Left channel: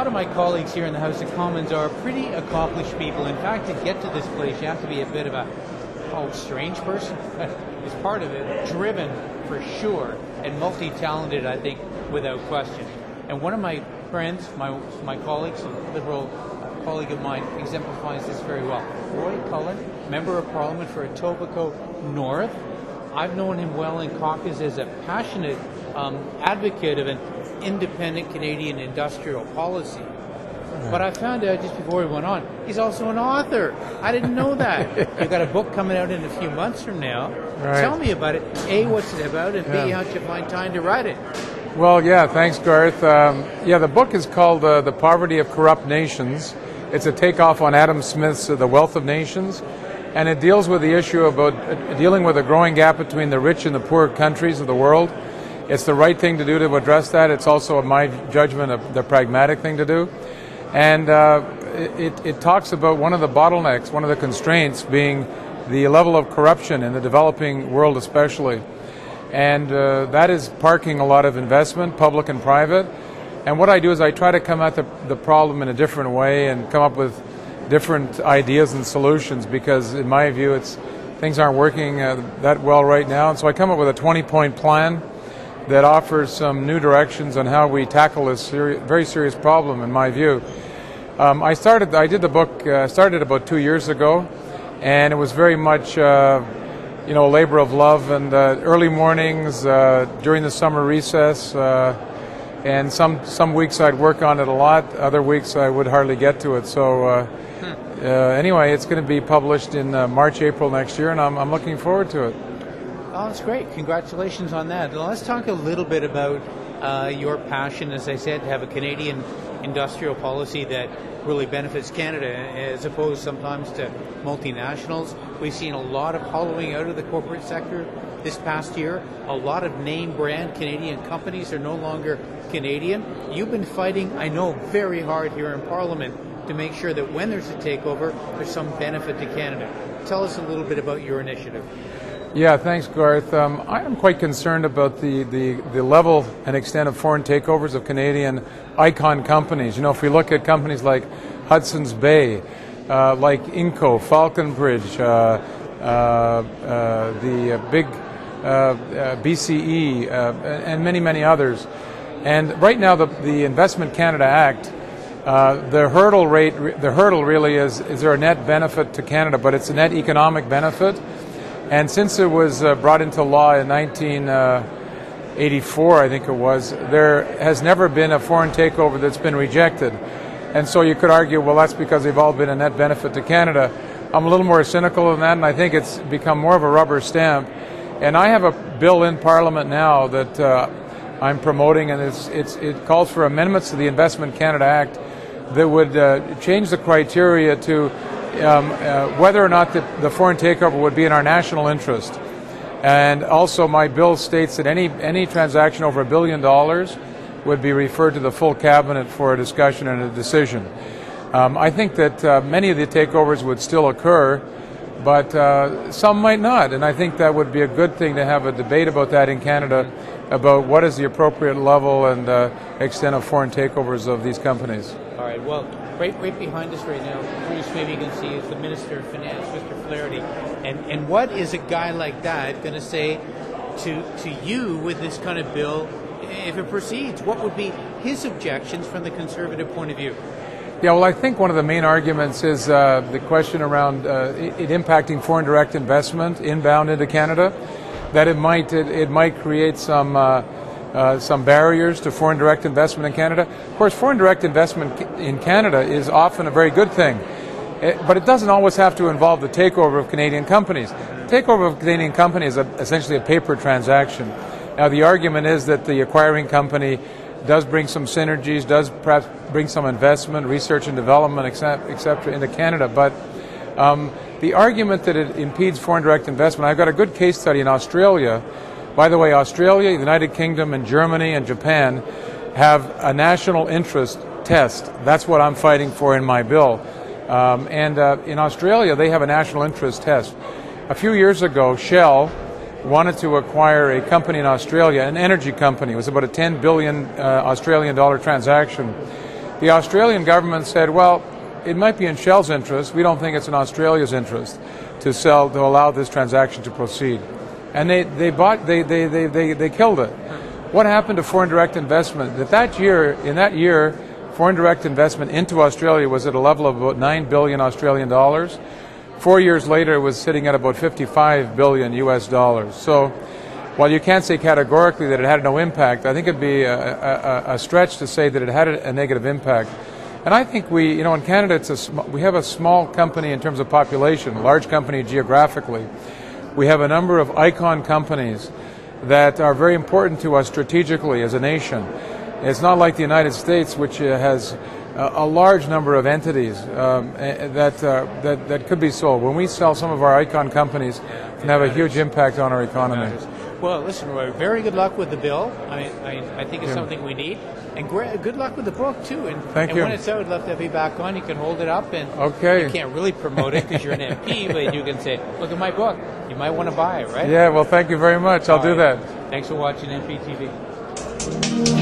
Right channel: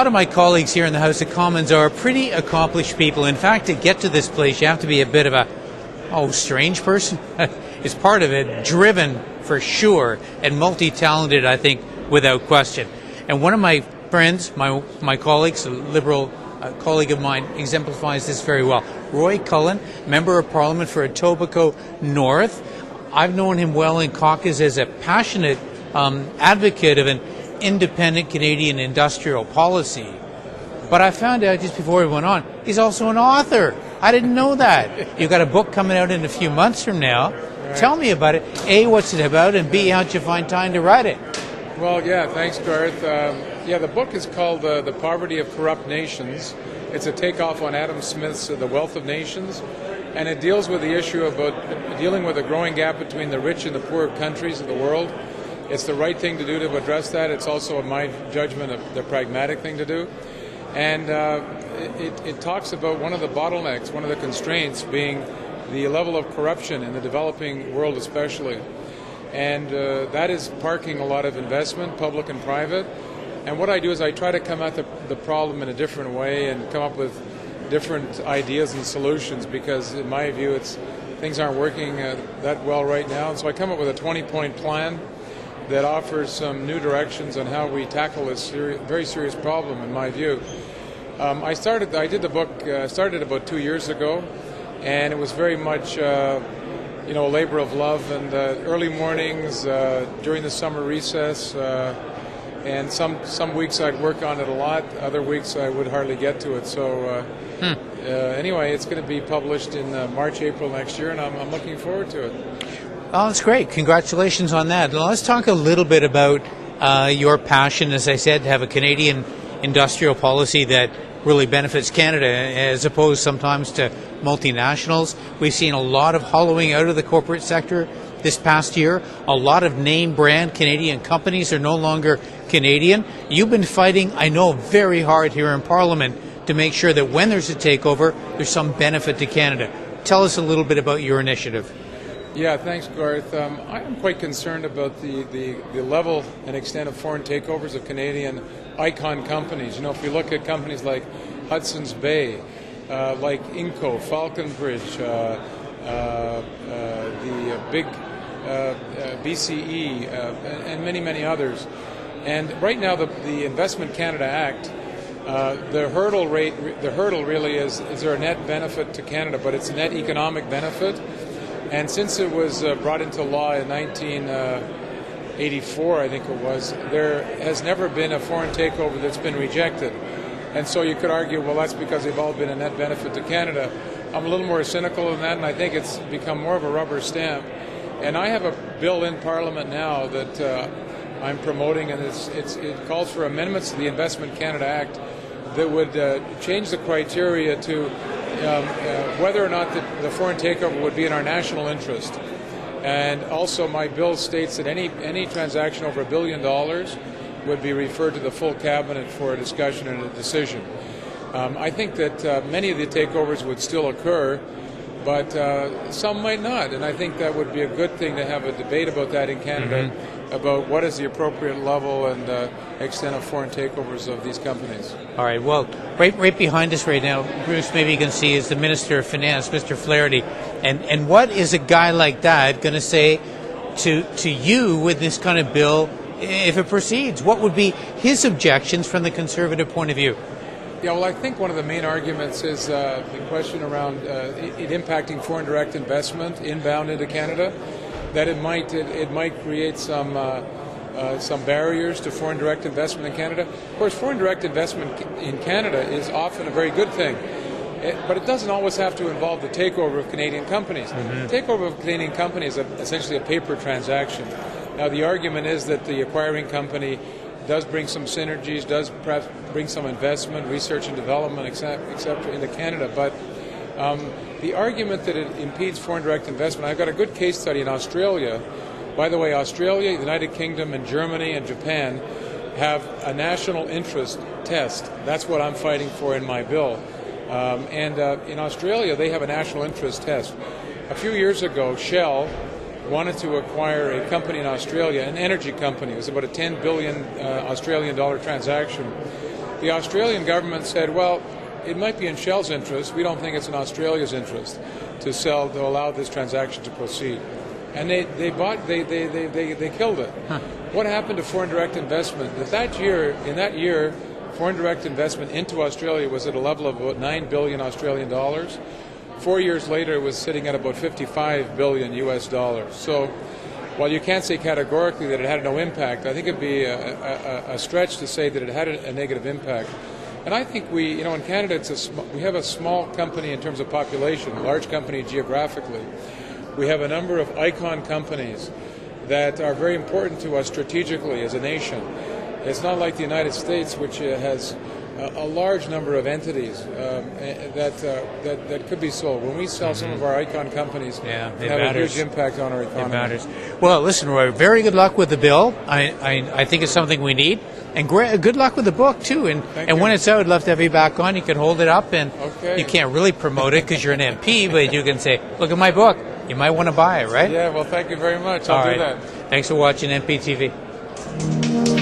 lot of my colleagues here in the House of Commons are pretty accomplished people. In fact, to get to this place, you have to be a bit of a, strange person is part of it, driven for sure, and multi-talented, I think, without question. And one of my friends, my colleagues, a Liberal colleague of mine, exemplifies this very well. Roy Cullen, Member of Parliament for Etobicoke North. I've known him well in caucus as a passionate advocate of an independent Canadian industrial policy. But I found out just before we went on, he's also an author. I didn't know that. You've got a book coming out in a few months from now. Right. Tell me about it. A, what's it about? And B, how'd you find time to write it? Well, yeah, thanks, Garth. The book is called The Poverty of Corrupt Nations. It's a takeoff on Adam Smith's The Wealth of Nations. And it deals with the issue about dealing with a growing gap between the rich and the poor countries of the world. It's the right thing to do to address that. It's also, in my judgment, the pragmatic thing to do. And it talks about one of the bottlenecks, one of the constraints being the level of corruption in the developing world especially. And that is parking a lot of investment, public and private. And what I do is I try to come at the problem in a different way and come up with different ideas and solutions, because in my view things aren't working that well right now. And so I come up with a 20-point plan that offers some new directions on how we tackle this very serious problem, in my view. I did the book started about 2 years ago, and it was very much a labor of love, and early mornings during the summer recess, and some weeks I'd work on it a lot, other weeks I would hardly get to it. So anyway, it's going to be published in March, April next year, and I'm looking forward to it. Oh, that's great. Congratulations on that. Now, let's talk a little bit about your passion, as I said, to have a Canadian industrial policy that really benefits Canada as opposed sometimes to multinationals. We've seen a lot of hollowing out of the corporate sector this past year. A lot of name brand Canadian companies are no longer Canadian. You've been fighting, I know, very hard here in Parliament to make sure that when there's a takeover, there's some benefit to Canada. Tell us a little bit about your initiative. Yeah, thanks, Garth. I am quite concerned about the level and extent of foreign takeovers of Canadian icon companies. If we look at companies like Hudson's Bay, like Inco, Falconbridge, the big BCE, and many, many others. And right now, the Investment Canada Act, the hurdle really is there a net benefit to Canada, but it's a net economic benefit. And since it was brought into law in 1984, I think it was, there has never been a foreign takeover that's been rejected. And so you could argue, well, that's because they've all been a net benefit to Canada. I'm a little more cynical than that, and I think it's become more of a rubber stamp. And I have a bill in Parliament now that I'm promoting, and it calls for amendments to the Investment Canada Act that would change the criteria to whether or not the foreign takeover would be in our national interest. And also my bill states that any transaction over $1 billion would be referred to the full cabinet for a discussion and a decision. I think that many of the takeovers would still occur, but some might not, and I think that would be a good thing to have a debate about that in Canada, about what is the appropriate level and extent of foreign takeovers of these companies. All right, well, right behind us right now, Bruce, maybe you can see, is the Minister of Finance, Mr. Flaherty. And what is a guy like that going to say to you with this kind of bill if it proceeds? What would be his objections from the Conservative point of view? Yeah, well, I think one of the main arguments is the question around it impacting foreign direct investment inbound into Canada, that it might create some barriers to foreign direct investment in Canada. Of course, foreign direct investment in Canada is often a very good thing, but it doesn't always have to involve the takeover of Canadian companies. Takeover of Canadian companies is essentially a paper transaction. Now, the argument is that the acquiring company does bring some synergies, does perhaps bring some investment, research and development, etc. into Canada, but the argument that it impedes foreign direct investment, I've got a good case study in Australia. By the way, Australia, the United Kingdom, and Germany and Japan have a national interest test. That's what I'm fighting for in my bill. And in Australia, they have a national interest test. A few years ago, Shell wanted to acquire a company in Australia, an energy company. It was about a 10 billion Australian dollar transaction. The Australian government said, well, it might be in Shell's interest. We don't think it's in Australia's interest to allow this transaction to proceed. And they killed it. What happened to foreign direct investment? In that year, foreign direct investment into Australia was at a level of about 9 billion Australian dollars. 4 years later, it was sitting at about 55 billion US dollars. So while you can't say categorically that it had no impact, I think it'd be a stretch to say that it had a negative impact. And I think in Canada, we have a small company in terms of population, large company geographically. We have a number of icon companies that are very important to us strategically as a nation. It's not like the United States, which has a large number of entities that could be sold. When we sell some of our icon companies, it have a huge impact on our economy. Well, listen, Roy, very good luck with the bill. I think it's something we need. And good luck with the book, too. And when it's out, I'd love to have you back on. You can hold it up. And you can't really promote it because you're an MP, but you can say, look at my book. You might want to buy it, right? Yeah, well, thank you very much. I'll do that. Thanks for watching MPtv.